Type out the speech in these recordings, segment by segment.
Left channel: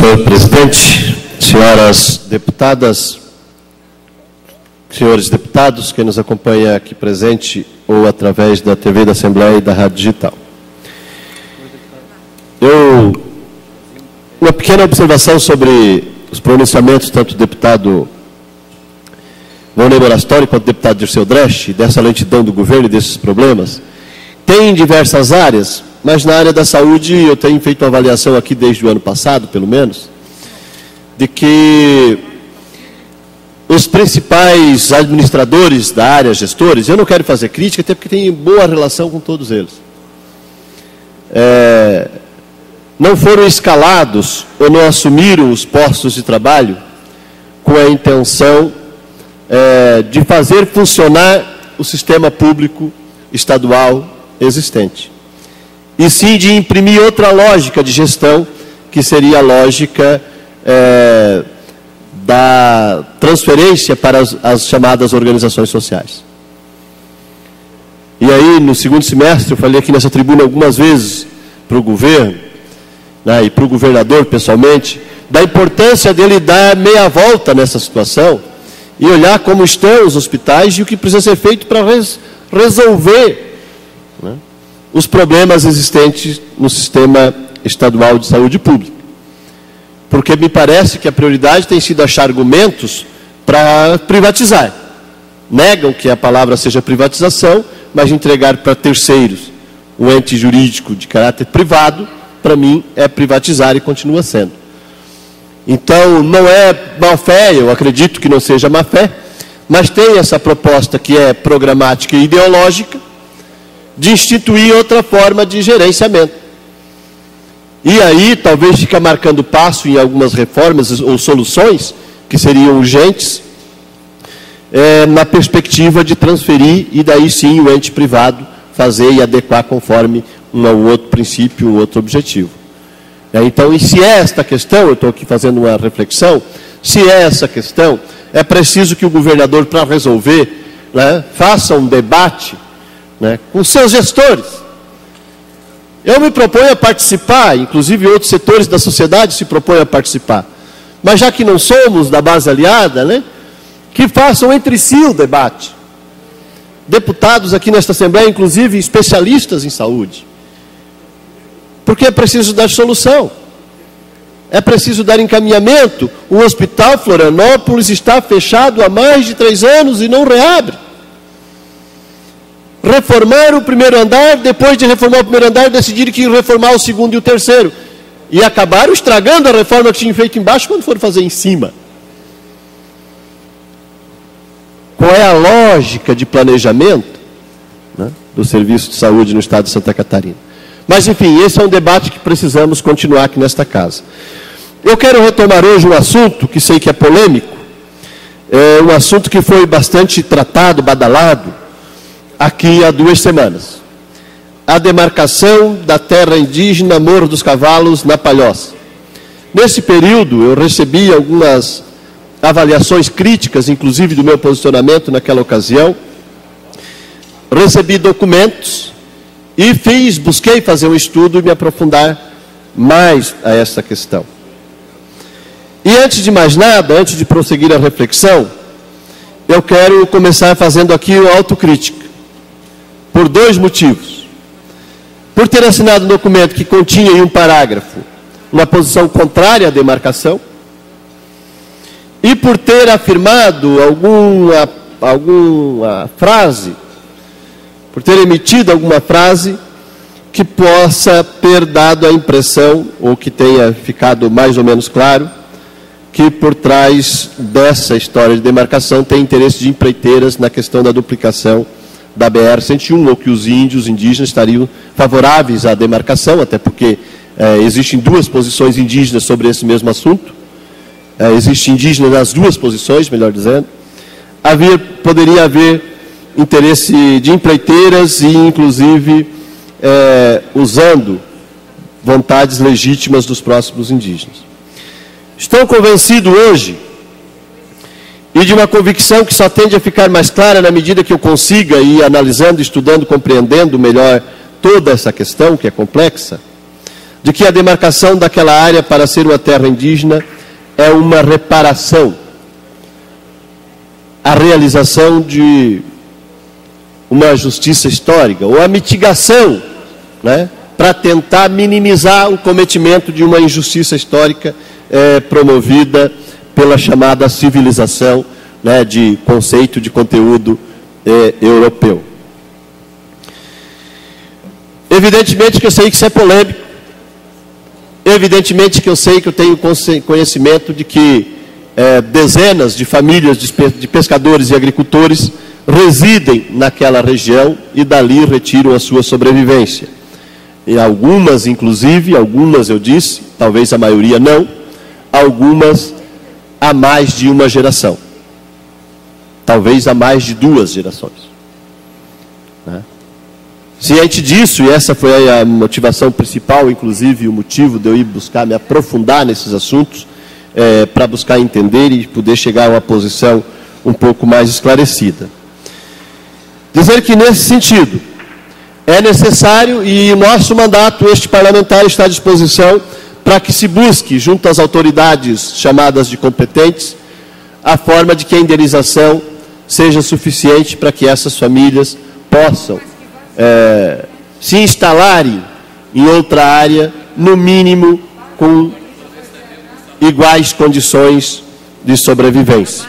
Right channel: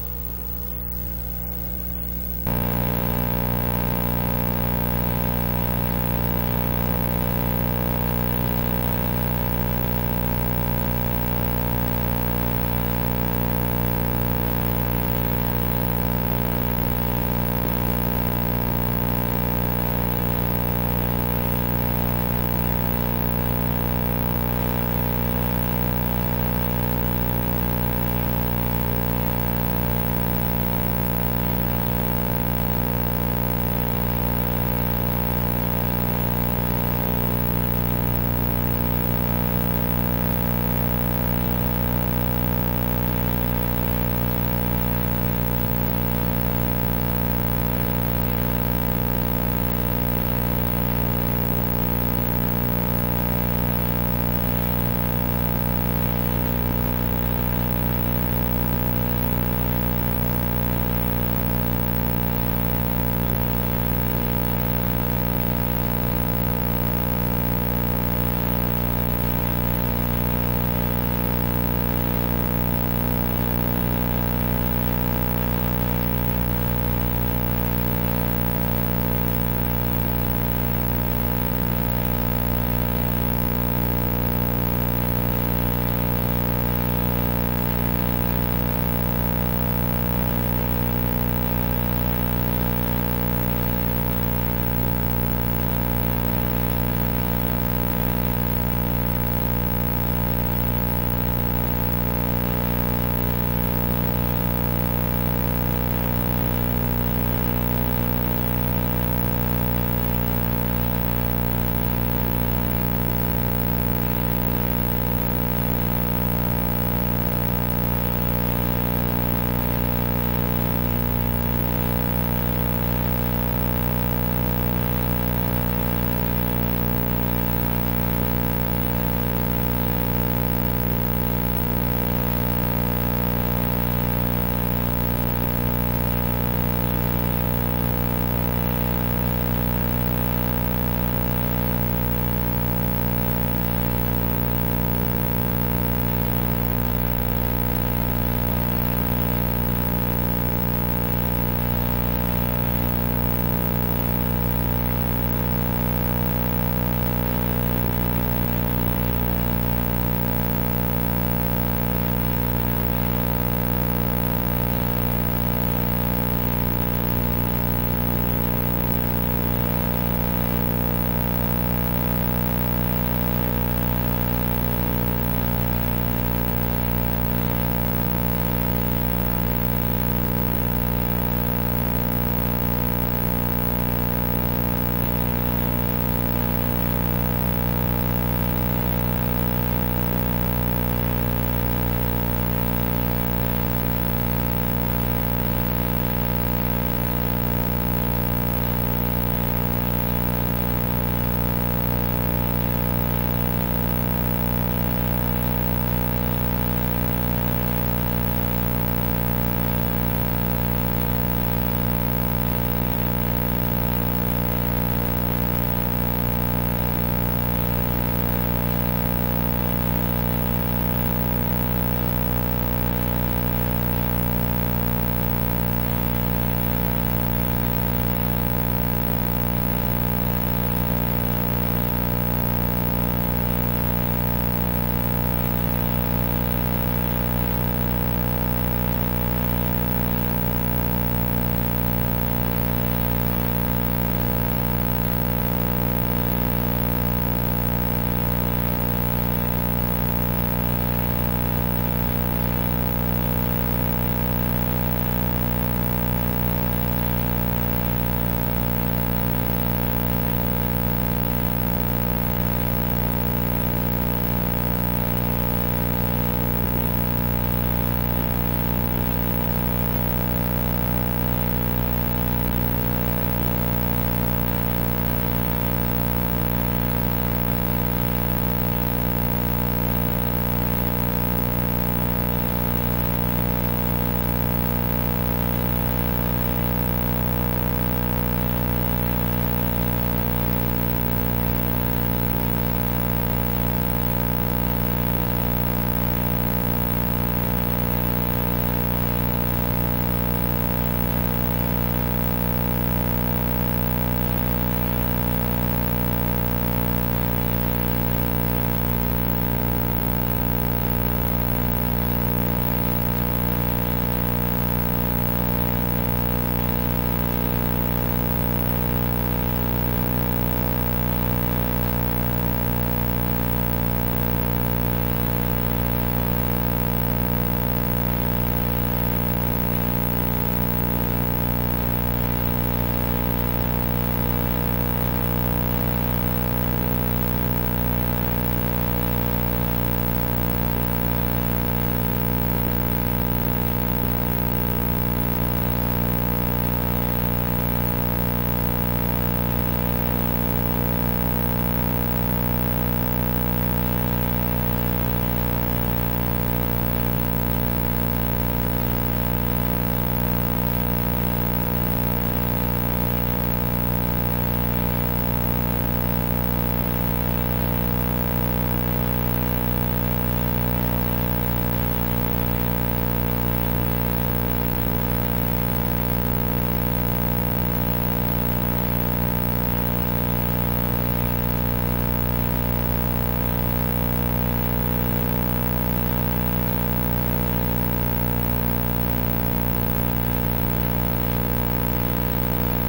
Senhor presidente, senhoras deputadas, senhores deputados, quem nos acompanha aqui presente ou através da TV da Assembleia e da Rádio Digital. Uma pequena observação sobre os pronunciamentos, tanto do deputado Volney Morastori quanto do deputado Dirceu Dresch, dessa lentidão do governo e desses problemas. Tem em diversas áreas, mas na área da saúde eu tenho feito uma avaliação aqui desde o ano passado, pelo menos, de que os principais administradores da área, gestores, eu não quero fazer crítica, até porque tenho boa relação com todos eles, não foram escalados ou não assumiram os postos de trabalho com a intenção de fazer funcionar o sistema público estadual existente, e sim de imprimir outra lógica de gestão, que seria a lógica da transferência para as chamadas organizações sociais. E aí, no segundo semestre, eu falei aqui nessa tribuna algumas vezes para o governo, né, e para o governador pessoalmente, da importância dele dar meia volta nessa situação e olhar como estão os hospitais e o que precisa ser feito para resolver, né, os problemas existentes no sistema estadual de saúde pública. Porque me parece que a prioridade tem sido achar argumentos para privatizar. Negam que a palavra seja privatização, mas entregar para terceiros um ente jurídico de caráter privado, para mim, é privatizar e continua sendo. Então, não é má-fé, eu acredito que não seja má-fé, mas tem essa proposta que é programática e ideológica de instituir outra forma de gerenciamento. E aí, talvez fica marcando passo em algumas reformas ou soluções que seriam urgentes, na perspectiva de transferir e daí sim o ente privado fazer e adequar conforme um outro princípio, um outro objetivo. Então, e se é esta questão, eu estou aqui fazendo uma reflexão, se é essa questão, é preciso que o governador, para resolver, né, faça um debate, né, com seus gestores. Eu me proponho a participar, inclusive outros setores da sociedade se propõem a participar. Mas já que não somos da base aliada, né, que façam entre si o debate. Deputados aqui nesta Assembleia, inclusive especialistas em saúde. Porque é preciso dar solução. É preciso dar encaminhamento. O Hospital Florianópolis está fechado há mais de 3 anos e não reabre. Reformar o primeiro andar, depois de reformar o primeiro andar, decidiram que iam reformar o segundo e o terceiro. E acabaram estragando a reforma que tinham feito embaixo quando foram fazer em cima. Qual é a lógica de planejamento, né, do serviço de saúde no estado de Santa Catarina? Mas, enfim, esse é um debate que precisamos continuar aqui nesta casa. Eu quero retomar hoje um assunto que sei que é polêmico, um assunto que foi bastante tratado, badalado, aqui há 2 semanas. A demarcação da terra indígena Morro dos Cavalos, na Palhoça. Nesse período, eu recebi algumas avaliações críticas, inclusive do meu posicionamento naquela ocasião. Recebi documentos e busquei fazer um estudo e me aprofundar mais a essa questão. E antes de mais nada, antes de prosseguir a reflexão, eu quero começar fazendo aqui uma autocrítica, por 2 motivos. Por ter assinado um documento que continha em um parágrafo uma posição contrária à demarcação, e por ter afirmado alguma frase, por ter emitido alguma frase que possa ter dado a impressão, ou que tenha ficado mais ou menos claro, que por trás dessa história de demarcação tem interesse de empreiteiras na questão da duplicação da BR-101, ou que os índios indígenas estariam favoráveis à demarcação, até porque existem 2 posições indígenas sobre esse mesmo assunto. Existe indígena nas 2 posições, melhor dizendo. Poderia haver interesse de empreiteiras e, inclusive, usando vontades legítimas dos próximos indígenas. Estou convencido hoje, e de uma convicção que só tende a ficar mais clara na medida que eu consiga ir analisando, estudando, compreendendo melhor toda essa questão, que é complexa, de que a demarcação daquela área para ser uma terra indígena é uma reparação, a realização de uma justiça histórica, ou a mitigação, né, para tentar minimizar o cometimento de uma injustiça histórica promovida pela chamada civilização, né, de conceito de conteúdo europeu. Evidentemente que eu sei que isso é polêmico, evidentemente que eu sei que eu tenho conhecimento de que dezenas de famílias de pescadores e agricultores residem naquela região e dali retiram a sua sobrevivência. E algumas, inclusive, algumas eu disse, talvez a maioria não, algumas há mais de uma geração. Talvez há mais de 2 gerações. Ciente disso, e essa foi a motivação principal, inclusive o motivo de eu ir buscar me aprofundar nesses assuntos, para buscar entender e poder chegar a uma posição um pouco mais esclarecida. Dizer que nesse sentido é necessário, e o nosso mandato, este parlamentar, está à disposição para que se busque, junto às autoridades chamadas de competentes, a forma de que a indenização seja suficiente para que essas famílias possam se instalarem em outra área, no mínimo com iguais condições de sobrevivência.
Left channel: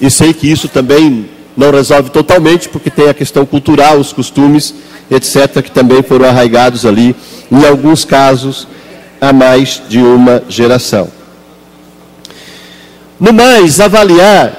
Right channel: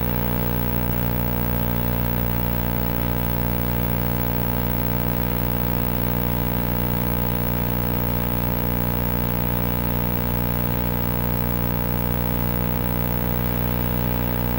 E sei que isso também não resolve totalmente, porque tem a questão cultural, os costumes, etc., que também foram arraigados ali, em alguns casos, há mais de uma geração. No mais, avaliar,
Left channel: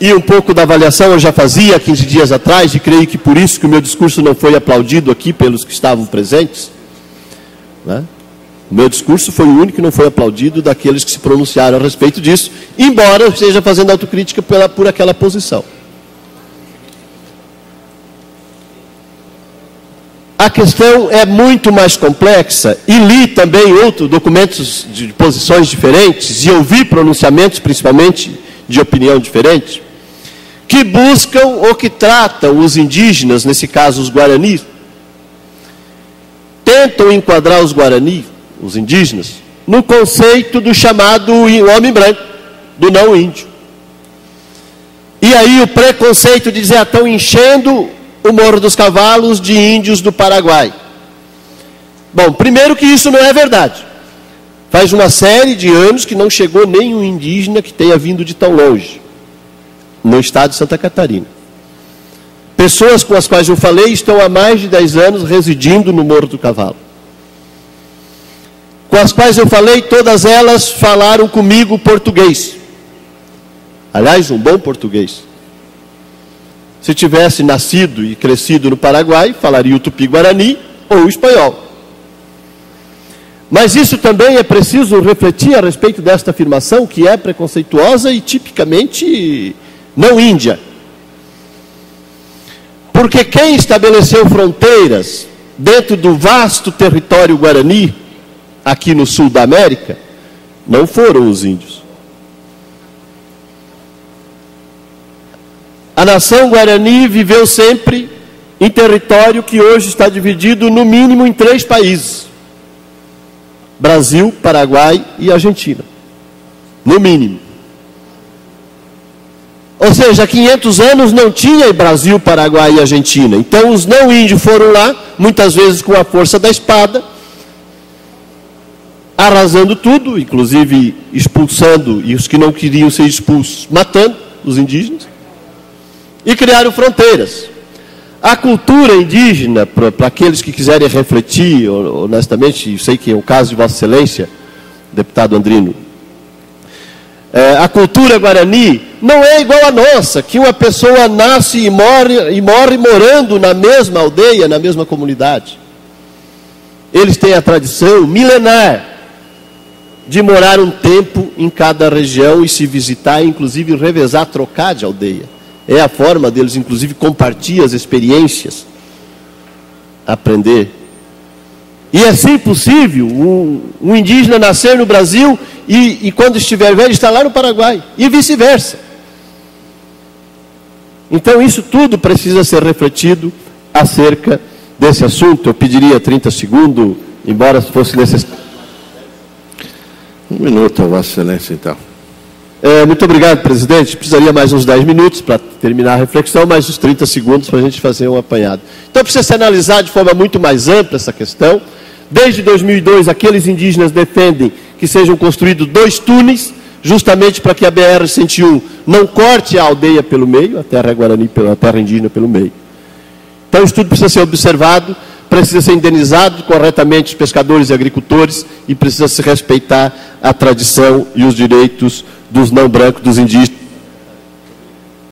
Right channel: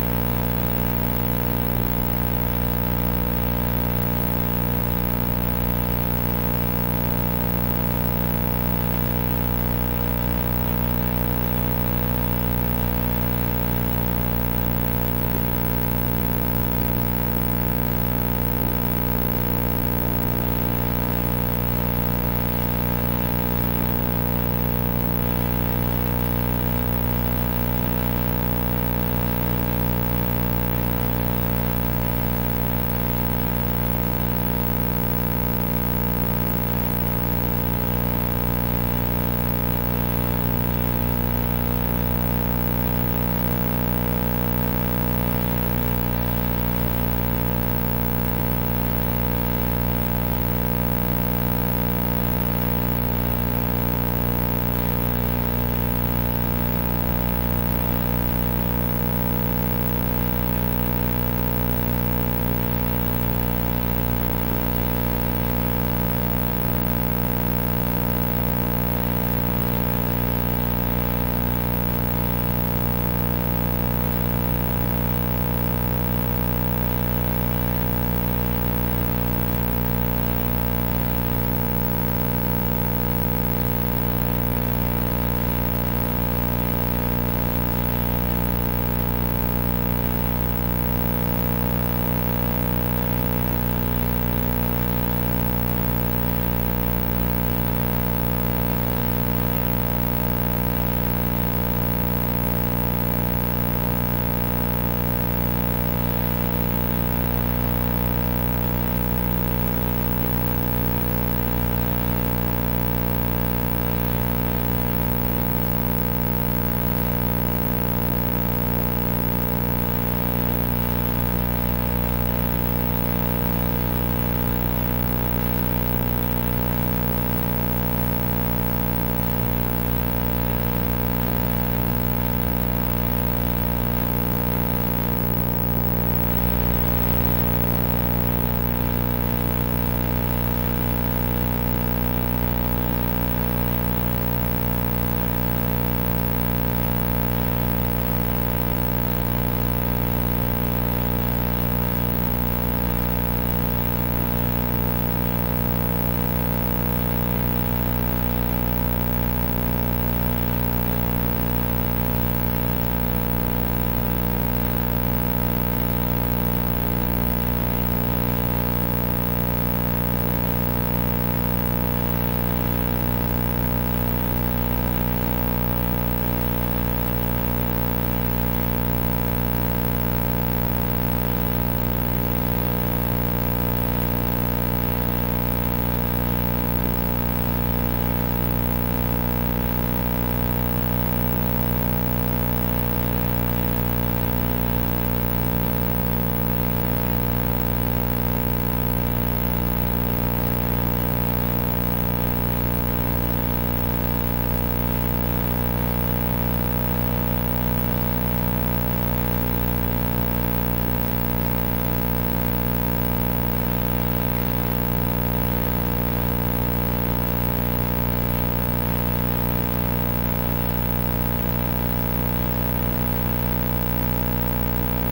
e um pouco da avaliação eu já fazia há 15 dias atrás, e creio que por isso que o meu discurso não foi aplaudido aqui pelos que estavam presentes, né? O meu discurso foi o único que não foi aplaudido daqueles que se pronunciaram a respeito disso, embora eu esteja fazendo autocrítica por aquela posição. A questão é muito mais complexa, e li também outros documentos de posições diferentes, e ouvi pronunciamentos, principalmente de opinião diferente, que buscam ou que tratam os indígenas, nesse caso os guaranis, tentam enquadrar os guaranis, os indígenas, no conceito do chamado homem branco, do não índio. E aí o preconceito de dizer, estão enchendo o Morro dos Cavalos de índios do Paraguai. Bom, primeiro que isso não é verdade. Faz uma série de anos que não chegou nenhum indígena que tenha vindo de tão longe, no estado de Santa Catarina. Pessoas com as quais eu falei estão há mais de 10 anos residindo no Morro do Cavalo. Com as quais eu falei, todas elas falaram comigo português. Aliás, um bom português. Se tivesse nascido e crescido no Paraguai, falaria o tupi-guarani ou o espanhol. Mas isso também é preciso refletir a respeito desta afirmação, que é preconceituosa e tipicamente não índia. Porque quem estabeleceu fronteiras dentro do vasto território guarani, aqui no sul da América, não foram os índios. A nação guarani viveu sempre em território que hoje está dividido no mínimo em 3 países: Brasil, Paraguai e Argentina. No mínimo. Ou seja, há 500 anos não tinha Brasil, Paraguai e Argentina. Então os não índios foram lá, muitas vezes com a força da espada, arrasando tudo, inclusive expulsando, e os que não queriam ser expulsos, matando os indígenas, e criaram fronteiras. A cultura indígena, para aqueles que quiserem refletir, honestamente, eu sei que é o caso de Vossa Excelência, deputado Andrino, a cultura guarani não é igual à nossa, que uma pessoa nasce e morre morando na mesma aldeia, na mesma comunidade. Eles têm a tradição milenar de morar um tempo em cada região e se visitar, inclusive revezar, trocar de aldeia. É a forma deles, inclusive, compartilhar as experiências, aprender. E é sim possível um indígena nascer no Brasil e quando estiver velho, estar lá no Paraguai, e vice-versa. Então isso tudo precisa ser refletido acerca desse assunto. Eu pediria 30 segundos, embora fosse necessário. 1 minuto, Vossa Excelência, então. Muito obrigado, presidente. Precisaria mais uns 10 minutos para terminar a reflexão, mais uns 30 segundos para a gente fazer um apanhado. Então precisa se analisar de forma muito mais ampla essa questão. Desde 2002, aqueles indígenas defendem que sejam construídos 2 túneis, justamente para que a BR-101 não corte a aldeia pelo meio, a terra guarani, a terra indígena pelo meio. Então isso tudo precisa ser observado, precisa ser indenizado corretamente os pescadores e agricultores e precisa se respeitar a tradição e os direitos dos não brancos, dos indígenas.